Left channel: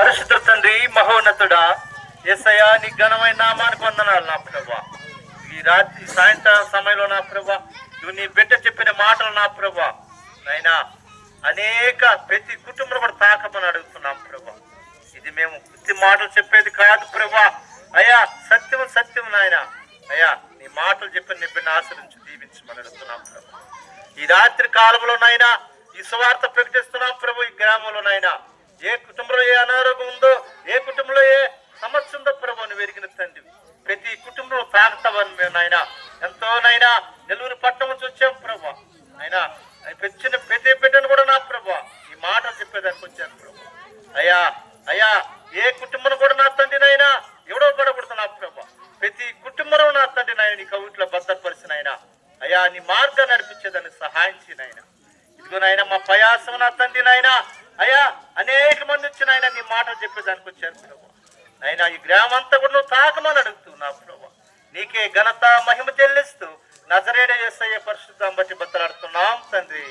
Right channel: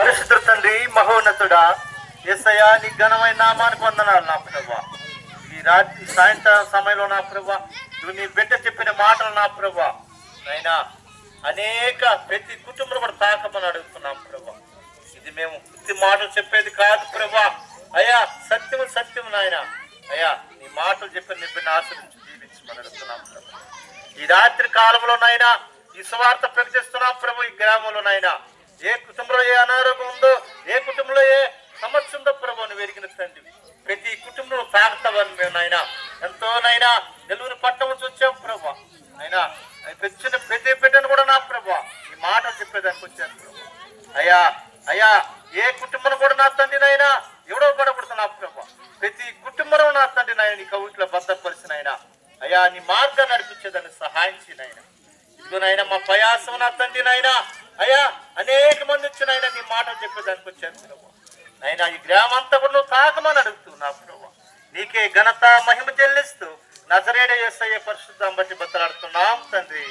పరిశుద్ధ తండ్రి, మహోన్నతుడా, యేసయ్యా నీ ఘనమైన నామానికి వందనాలు నా ప్రభా. ఈ రాత్రి సాయంత్రం సమయంలో నా ప్రభా, నువ్వు నీ బిడ్డ చెప్పిన మాటలు నా ప్రభా నైనా అనేక ప్రతి కుటుంబం కూడా తాకమని అడుగుతున్నాం ప్రభా. ఇది మేము ఉత్తి మాటలు చెప్పేది కాదు ప్రభా. అయ్యా సత్యం సత్యం నాయన. అయ్యా నీ మాటలు చెప్పిన నీ బిడ్డ ఆశ్రయించి దీవించమని అడుగుతున్నాం ప్రభా. ఈ రాత్రి కాలంలో నాయనా ఈ సువార్త ప్రకటిస్తున్నాం ప్రభు. ఈ గ్రామంలో నాయనా ఏ కుటుంబంలో ఏ అనారోగ్యం ఉందో, ఏ కుటుంబంలో ఏ సమస్య ఉందో ప్రభు నువ్వు ఎరిగిన తండ్రి. ప్రతి కుటుంబంలో తాగుతావని మేము నాయన ఎంతో నైనా నెల్లూరు పట్టణం నుంచి వచ్చాం ప్రభు. అయినా పెంచిన ప్రతి బిడ్డను కూడా నా ప్రభు ఈ మాటలు చెప్పేదానికి వచ్చాను ప్రభు. అయ్యా అయ్యా ఏ కుటుంబం కూడా నా తండ్రి నాయనా ఎవడో పడకూడదు నా ప్రభు. ప్రతి కుటుంబంలో నా తండ్రి నాయన నీ కవిట్లో భద్రపరిచిన అయినా అయ్యా నీ మార్గాన్ని నడిపించేదాన్ని సహాయం చేయనైనా. ఇదిగో నాయన మా ప్రయాసం నా తండ్రి నాయన అయ్యా అనేక మంది వచ్చిన ఆయన నీ మాటలు చెప్పేదానికి వచ్చారు ప్రభు. నాయన ఈ గ్రామం అంతా కూడా నువ్వు తాకమని అడుగుతున్నావు ప్రభు. నీకే ఘనత మహిమ చెల్లిస్తూ నజరేయుడైన యేసయ్య పరిశుద్ధం బట్టి బతలాడుతున్నాం తండ్రి.